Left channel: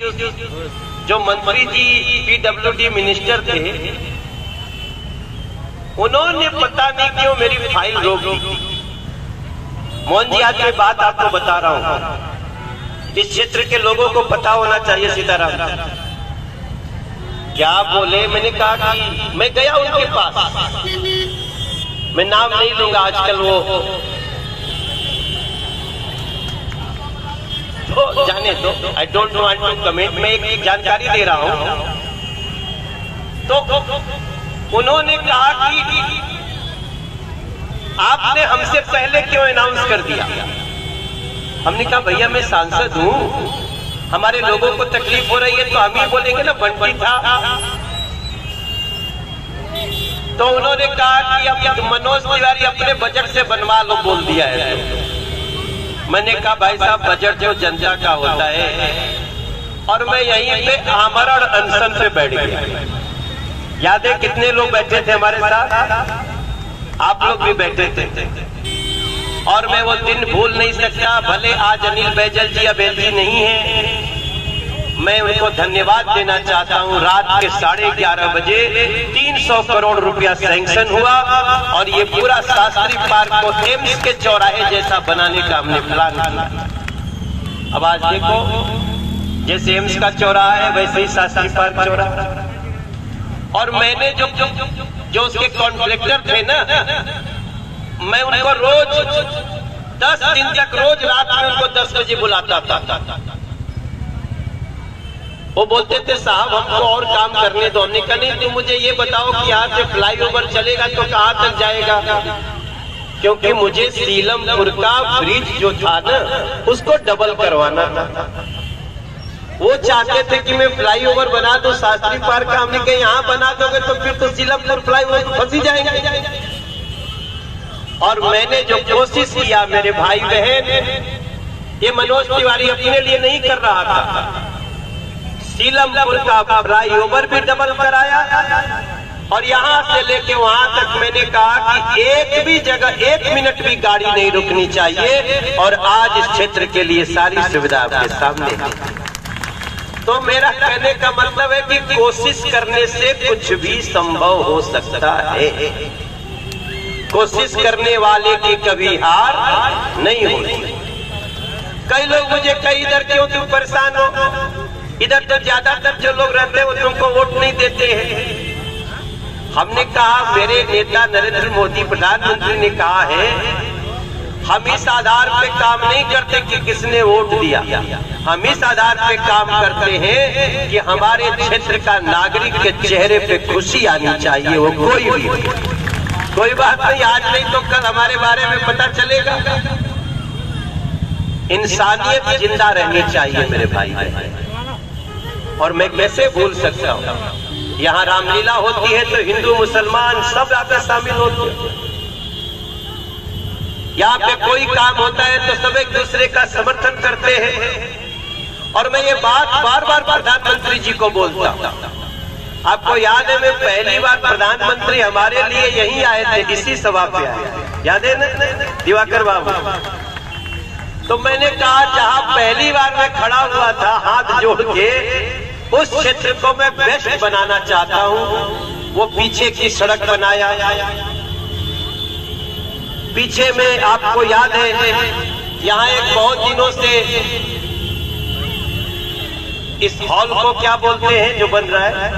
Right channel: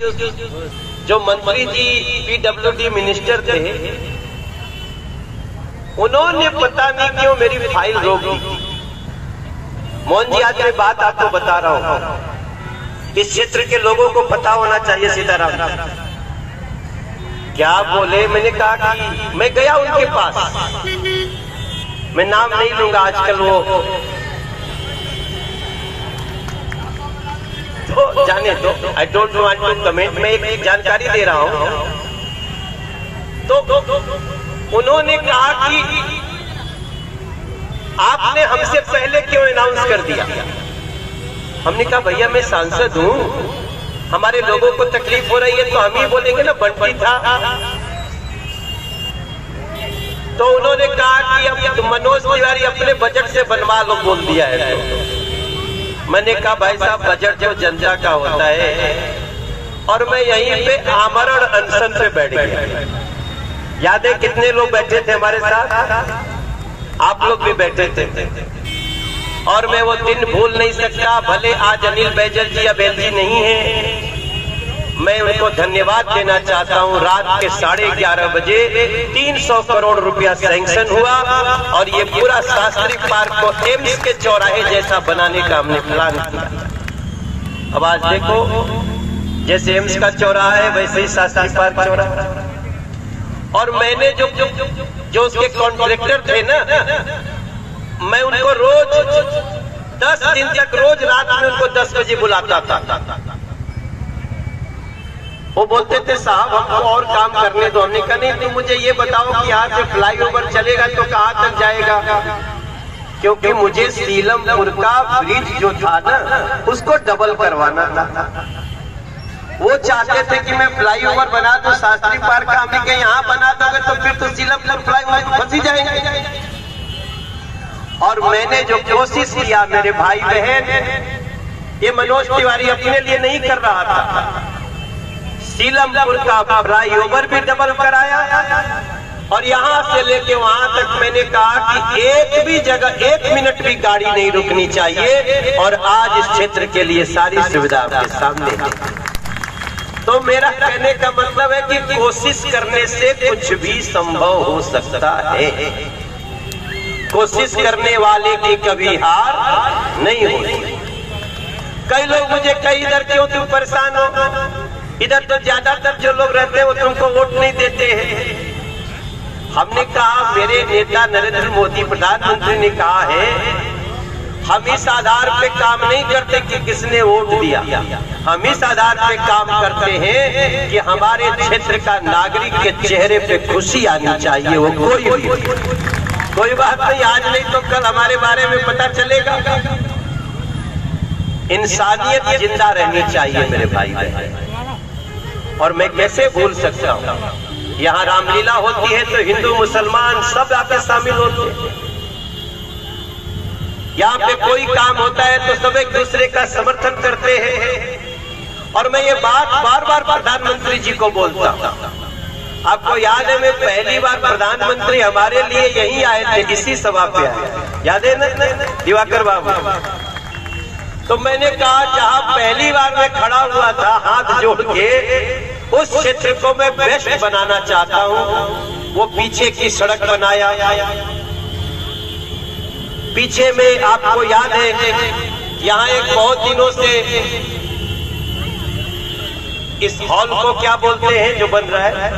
जो मंत्री जी PWD minister थे, उन्होंने पता नहीं क्यों मेरी फाइल रोक दी। मोहन जी, आज मैं बात आपको बता रहा हूं, इस क्षेत्र के लोगों को पता होना चाहिए। सीताराम क्या बोले, मैंने कहा कि मैं गया उनके पास, मैं नाम नहीं लूंगा, आजकल वो तो जाने दो, I don't want to comment. मैं एक जानकारी दे रहा हूं। तो उन्होंने कहा कि आपने हमसे पहले क्यों अनाउंस कर दिया। हमने कहा भैया मैं सांसद हूं, हमारे लोगों को तकलीफ हो रही है तो हम ही बोलेंगे ना, बंटी था। तो उन्होंने कहा कि अब मनोज तिवारी अपने बजट से बनवा लो, बोल दिया है। तो मैंने कहा भाई साहब, बजट जो जनता का होता है, और मैं यहीं पे आमरण अनशन पे बैठ गया। याद है कितने लोग बैठे थे हमारे साथ, आप लोग भी बैठे थे, और मैं वो दिन भूल नहीं सकता। भले आज अनिल बैजल जी अब एमपी नहीं है, मैं उनको धन्यवाद देना चाहता हूं। रात के 11:30 बजे 300 करोड़ रुपया सैंक्शन हुआ, और ये पूरा शास्त्री पार्क को एम्स के चौराहे जैसा बनाने का हमने प्लान किया। अब आज देखो, जैसे एम्स का चौराहा है वैसे ही शास्त्री पार्क चौराहा। और मैंने जो उसके कॉन्ट्रैक्टर थे ना, मैं उनको रोज 10 दिन तक रोज रात में उनको 10 बजे बुलाता था। वो बोलते थे साहब हमको और काम करने दो। हमने कहा नहीं, तुम मुझे ये बताओ कि यहाँ से फ्लाईओवर चलेगा तो कहाँ तक जाएगा, क्योंकि मुझे सीलमपुर का ब्रिज जो था ना, उसको डबल करवाना था। वो चाहते थे कि मैं फ्लाईओवर बना दूं शास्त्री पार्क का। हमने कहा यहाँ बना दोगे तो फिर तो सीलमपुर फ्लाईओवर फंस ही जाएंगे। और मैंने जो कोशिश किया मेरे भाई बहन, ये मनोज तिवारी अपने लिए नहीं कर रहा था, सीलमपुर का फ्लाईओवर भी डबल कराया, और यहाँ से लेके वहां तक मैंने कहा कि एक भी जगह 1 मिनट भी गाड़ी नहीं रुकनी चाहिए। और आज इस क्षेत्र के लिए सारी सुविधा आपके सामने है। तो मेरा कहने का मतलब है कि कोशिश करने से कुछ भी संभव हो सकता है। कोशिश करने वाले की कभी हार नहीं होती। कई लोग मुझे कई इधर क्यों तुम परेशान हो, इधर तो ज्यादातर जो लोग रहते हैं वो तुमको वोट नहीं देते हैं। हमने कहा, मेरे नेता नरेंद्र मोदी प्रधानमंत्री ने कहा है, हम इस आधार पे काम नहीं करते कि किसने वोट दिया, हम इस आधार पे काम करते हैं कि हमारे क्षेत्र का नागरिक के चेहरे पे खुशी आनी चाहिए। वो कोई बात नहीं, आज नहीं तो कल हमारे बारे में पता चलेगा। इंसानियत जिंदा रहनी चाहिए मेरे भाई। और मैं कैसे भूल सकता हूँ, यहाँ रामलीला होती है तो हिंदू मुसलमान सब आके शामिल होते हैं। यहाँ पे कोई काम होता है तो सब एक दूसरे का समर्थन करते हैं। और मैं ये बात बार बार प्रधानमंत्री जी को बोलता हूँ। आपको याद है, मैं पहली बार प्रधानमंत्री हमारे लिए यहीं आए थे, इसी सभा पे आए, याद है ना दिवाकर बाबू। तो मैंने कहा, जहाँ पहली बार मैं खड़ा हुआ था हाथ जोड़ के, उस क्षेत्र को मैं बेस्ट बनाना चाहता हूँ। वो पीछे की सड़क बनाया, पीछे में आपको याद है यहाँ एक बहुत दिनों से इस हॉल को क्या बोलते हैं जो बन रहा है,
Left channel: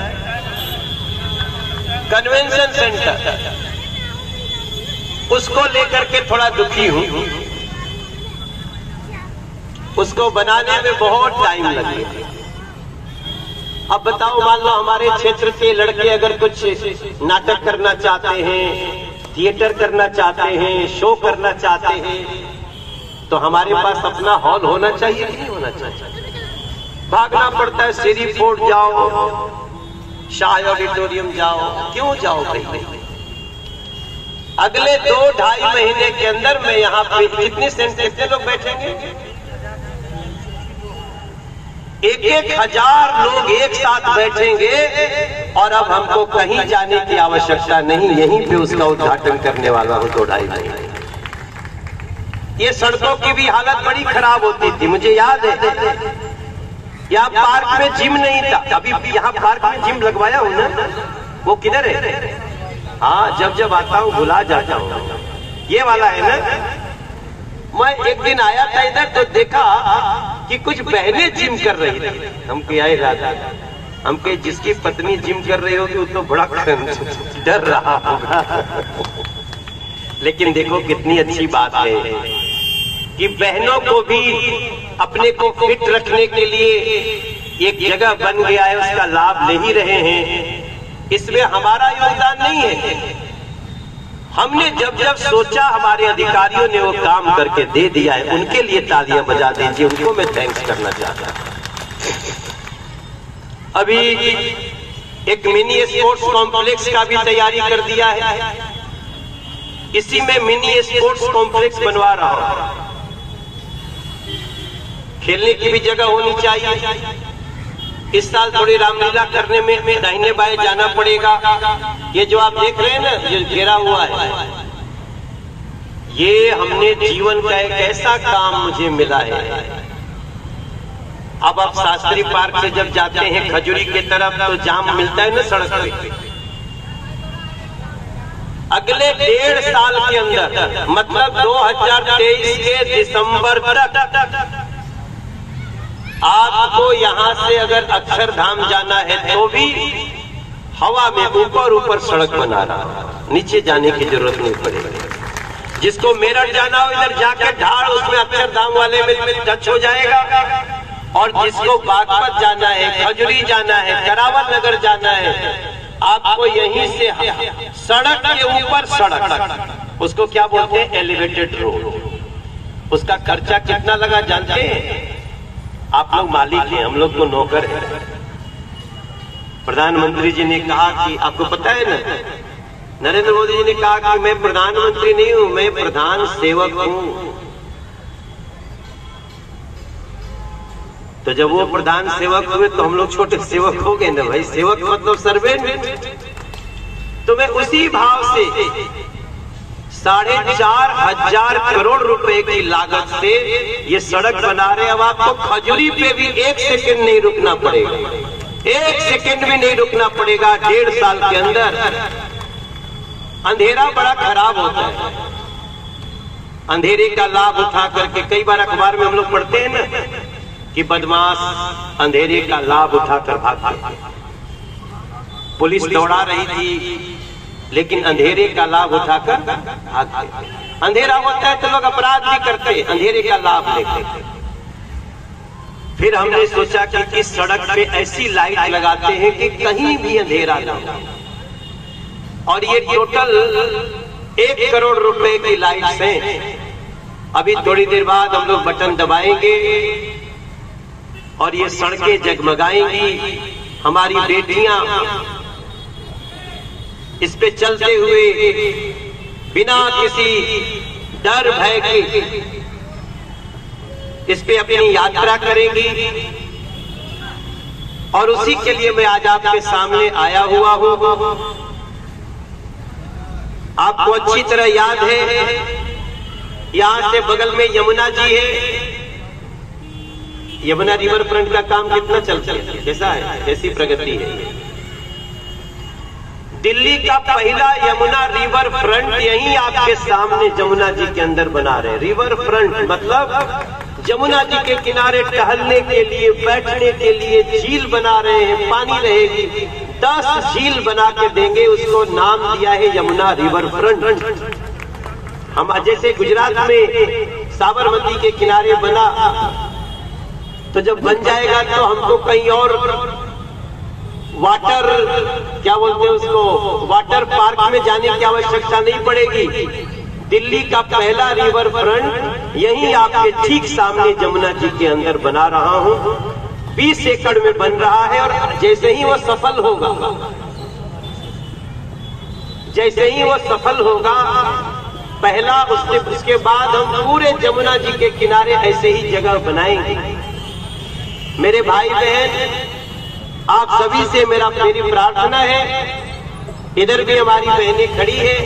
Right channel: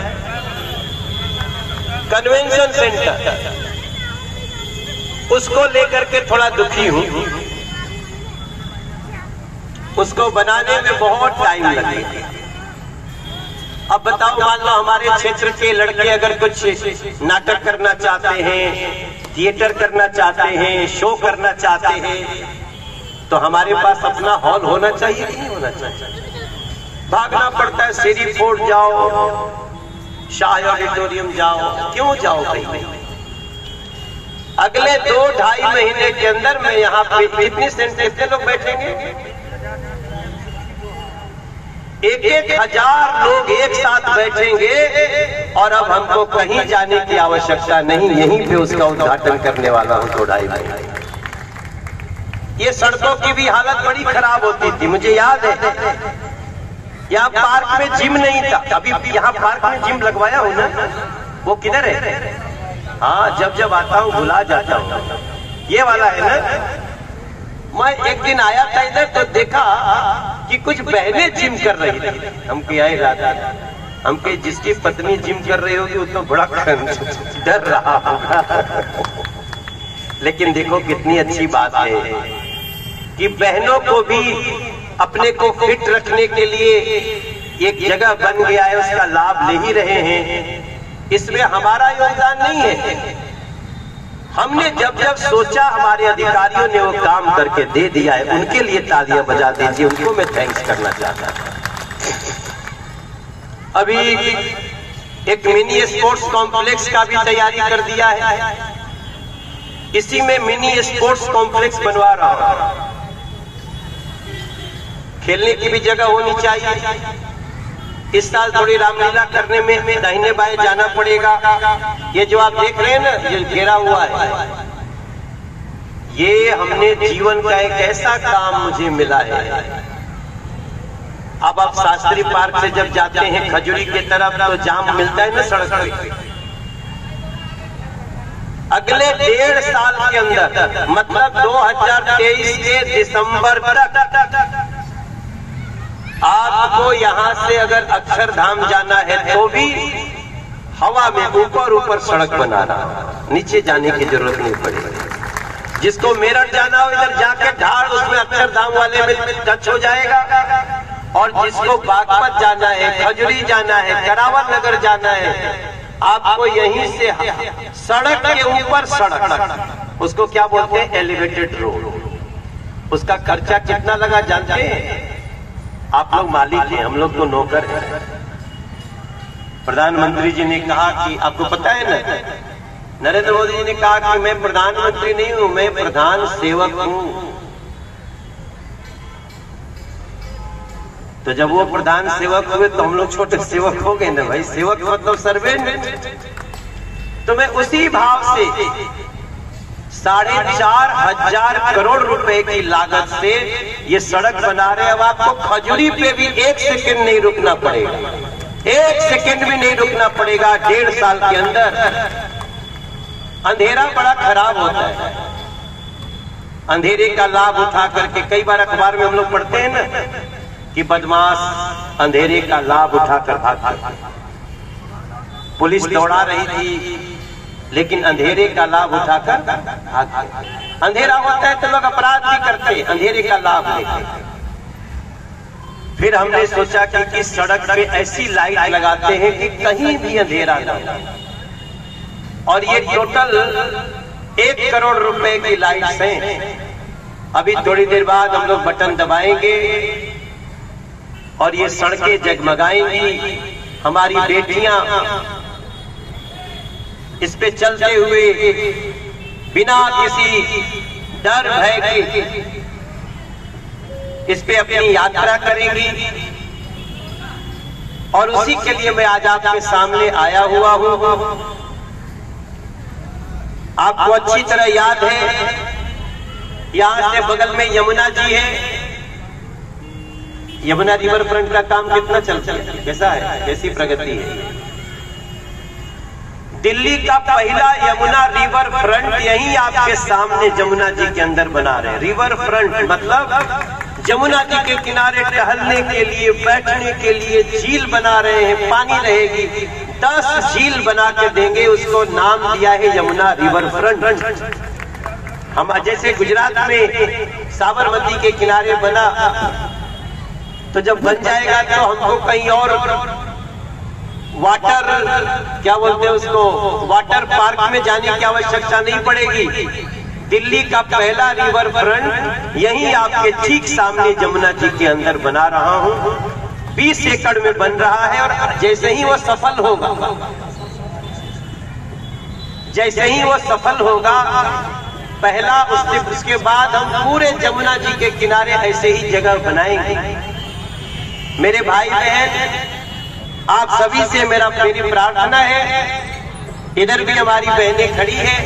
कन्वेंशन सेंटर, उसको लेकर के थोड़ा दुखी हूँ। उसको बनाने में बहुत टाइम लगेगा। अब बताओ, मान लो हमारे क्षेत्र के लड़के अगर कुछ नाटक करना चाहते हैं, थिएटर करना चाहते हैं, शो करना चाहते हैं, तो हमारे पास अपना हॉल होना चाहिए कि नहीं होना चाहिए। भागना पड़ता है, सीरी फोर्ट जाओ, शाह ऑडिटोरियम जाओ, क्यों जाओ भाई। अगले 2-2.5 महीने के अंदर मैं यहाँ पे कितने लोग बैठेंगे, 1-1 हजार लोग एक साथ बैठेंगे। और अब हमको कहीं जाने की आवश्यकता नहीं, यहीं पे उसका उद्घाटन करने वाला हूं 2-2.5 महीने। ये सड़कों की भी हालत बड़ी खराब होती थी, मुझे याद है। यहाँ पार्क में जिम नहीं था, अभी यहाँ पार्क में जिम लगवाया हूँ ना, वो किधर है? हाँ, जब जब आता हूँ भुला जाता हूँ। ये वाला है ना। मैं एक दिन आया था इधर तो देखा कि कुछ बहनें जिम कर रही थी। हम क्या हम पे जिसकी पत्नी जिम कर रही होगी उतना बड़ा डर रहा होगा। लेकिन देखो कितनी अच्छी बात है कि बहनों को भी अपने को फिट रखने के लिए एक जगह बन गया है, उसका लाभ ले ही रहे हैं। इसमें हमारा योगदान नहीं है। हमने जब जब सोचा हमारे अधिकारियों ने वो काम करके दे दिया है, उनके लिए तालियां बजा दीजिए, उनको मैं थैंक्स करना चाहता हूं। अभी एक मिनी स्पोर्ट्स कॉम्प्लेक्स का भी तैयारी कर दिया है, इसी में मिनी स्पोर्ट्स कॉम्प्लेक्स बनवा रहा हूं। खेलने की भी जगह होनी चाहिए। इस साल थोड़ी रामलीला करने में दाहिने बाएं जाना पड़ेगा। ये जो आप देख रहे हैं ना, ये घेरा हुआ है, ये हमने जीवन का एक ऐसा काम मुझे मिला है। अब आप शास्त्री पार्क से जब जाते हैं खजूरी की तरफ तो जाम मिलता है ना सड़क पे। अगले 1.5 साल के अंदर, मतलब 2023 के दिसंबर तक आपको यहां से अगर अक्षरधाम जाना है तो भी हवा में ऊपर ऊपर सड़क बना रहा है, नीचे जाने की जरूरत नहीं पड़ेगी। जिसको मेरठ जाना हो इधर जाके ढाल उसमें अक्षरधाम वाले में टच हो जाएगा, और जिसको बागपत जाना है, खजूरी जाना है, करावल नगर जाना है, आपको यहीं से सड़क के ऊपर सड़क, उसको क्या बोलते हैं? Elevated road. उसका खर्चा कितना लगा जानते हैं? आप लोग मालिक हैं, हम लोग तो नौकर हैं। प्रधानमंत्री जी ने कहा कि आपको पता है ना, नरेंद्र मोदी जी ने कहा कि मैं प्रधानमंत्री नहीं हूं, मैं प्रधान सेवक हूं। तो जब वो प्रधान सेवक हुए तो हम लोग छोटे सेवक हो गए ना भाई। सेवक मतलब सर्वेंट। तो मैं उसी भाव से 4,500 करोड़ रुपए की लागत से ये सड़क बना रहे। अब आपको खजूरी पे भी 1 सेकंड नहीं रुकना पड़ेगा, 1 सेकंड भी नहीं रुकना पड़ेगा। 1.5 साल के अंदर अंधेरा बड़ा खराब होता है, अंधेरे का लाभ उठा करके कई बार अखबार में हम लोग पढ़ते हैं ना कि बदमाश अंधेरे का लाभ उठाकर भागते। पुलिस दौड़ा रही थी लेकिन अंधेरे का लाभ उठाकर भागते। अंधेरा होता है तो लोग अपराध भी करते, अंधेरे का लाभ लेते। फिर हमने सोचा कि इस सड़क पे ऐसी लाइट लगाते हैं कि कहीं भी अंधेरा ना हो, और ये टोटल 1 करोड़ रुपए की लाइट्स हैं। अभी थोड़ी देर बाद हम लोग बटन दबाएंगे और ये सड़कें जगमगाएंगी। हमारी बेटियां इस पे चलते हुए बिना किसी डर भय के इस पे अपनी यात्रा करेंगी। और उसी के लिए मैं आज आपके सामने आया हुआ हूं। आपको अच्छी तरह याद है, यहां से बगल में यमुना जी है। यमुना रिवर फ्रंट का काम कितना चलता है, कैसा है, कैसी प्रगति है? दिल्ली का पहला यमुना रिवर फ्रंट यही आपके सामने जमुना जी के अंदर बना रहे हैं। रिवर फ्रंट मतलब जमुना जी के किनारे टहलने के लिए, बैठने के लिए झील बना रहे हैं, पानी रहेगी। 10 झील बना के देंगे, उसको नाम दिया है यमुना रिवर फ्रंट। हम जैसे गुजरात में साबरमती के किनारे बना, तो जब बन जाएगा तो हमको कहीं और वाटर क्या बोलते हैं उसको, वाटर पार्क में जाने की आवश्यकता नहीं पड़ेगी। दिल्ली का पहला रिवर फ्रंट यही आपके ठीक सामने जमुना जी के अंदर बना रहा हूं। 20 एकड़ में बन रहा है, और जैसे ही वो सफल होगा, जैसे ही वो सफल होगा पहला, उसके बाद हम पूरे जमुना जी के किनारे ऐसे ही जगह बनाएंगे। मेरे भाई बहन, आप सभी से मेरी प्रार्थना है, इधर भी हमारी बहनें खड़ी हैं,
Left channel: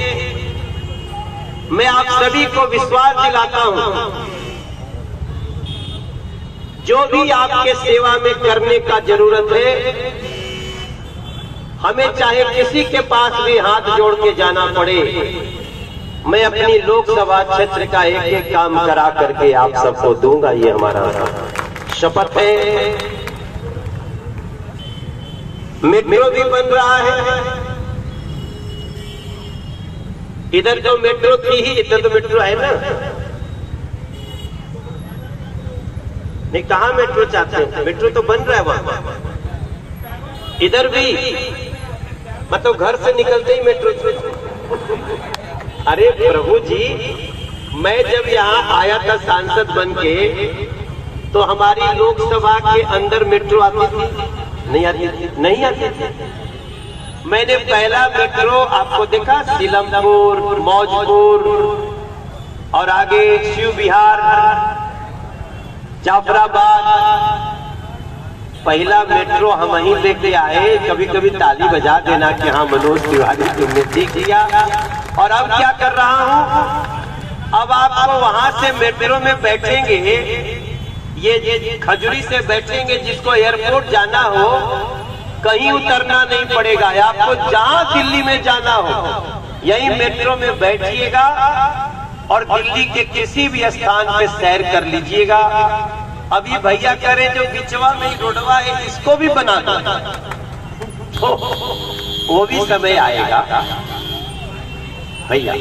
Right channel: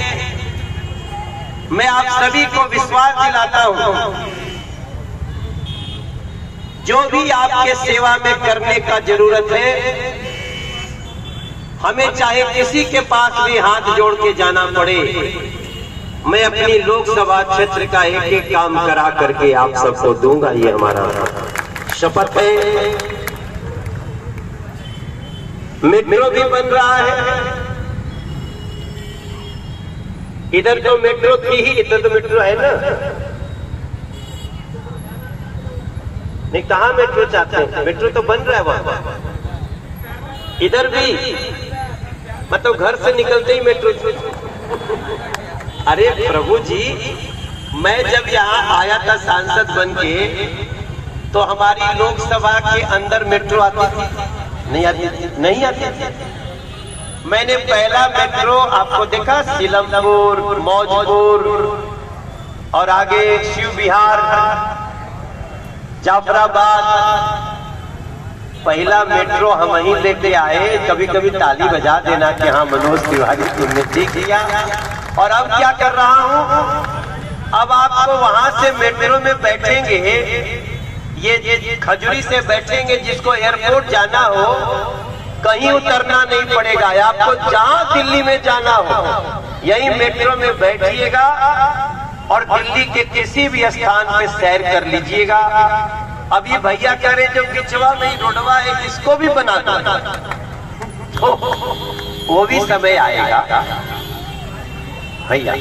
मैं आप सभी को विश्वास दिलाता हूं जो भी आपके सेवा में करने का जरूरत है, हमें चाहे किसी के पास भी हाथ जोड़ के जाना पड़े, मैं अपनी लोकसभा क्षेत्र का एक एक काम करा करके आप सबको दूंगा। ये हमारा शपथ है। मेट्रो भी बन रहा है, इधर तो मेट्रो थी ही, इधर तो मेट्रो है ना, नहीं कहाँ मेट्रो चाहते हैं, मेट्रो तो बन रहा है वहां, इधर भी मतलब घर से निकलते ही मेट्रो। अरे प्रभु जी, मैं जब यहाँ आया था सांसद बन के, तो हमारी लोकसभा के अंदर मेट्रो आती थी? नहीं आती थी, नहीं आती थी। मैंने पहला मेट्रो आपको देखा सीलमपुर, मौजपुर और आगे शिव विहार, जाफराबाद, पहला मेट्रो हम ही लेके आए। कभी कभी ताली बजा देना कि हाँ मनोज तिवारी तुमने देख लिया। और अब क्या कर रहा हूँ, अब आपको वहां से मेट्रो में बैठेंगे, ये खजुरी से बैठेंगे, जिसको एयरपोर्ट जाना हो कहीं उतरना नहीं पड़ेगा। आपको जहां दिल्ली में जाना हो यही मेट्रो में बैठिएगा और दिल्ली के किसी भी स्थान पे सैर कर लीजिएगा। अभी भैया कह रहे जो बिचवा में रोडवा है इसको भी बना दो, वो भी समय आएगा भैया।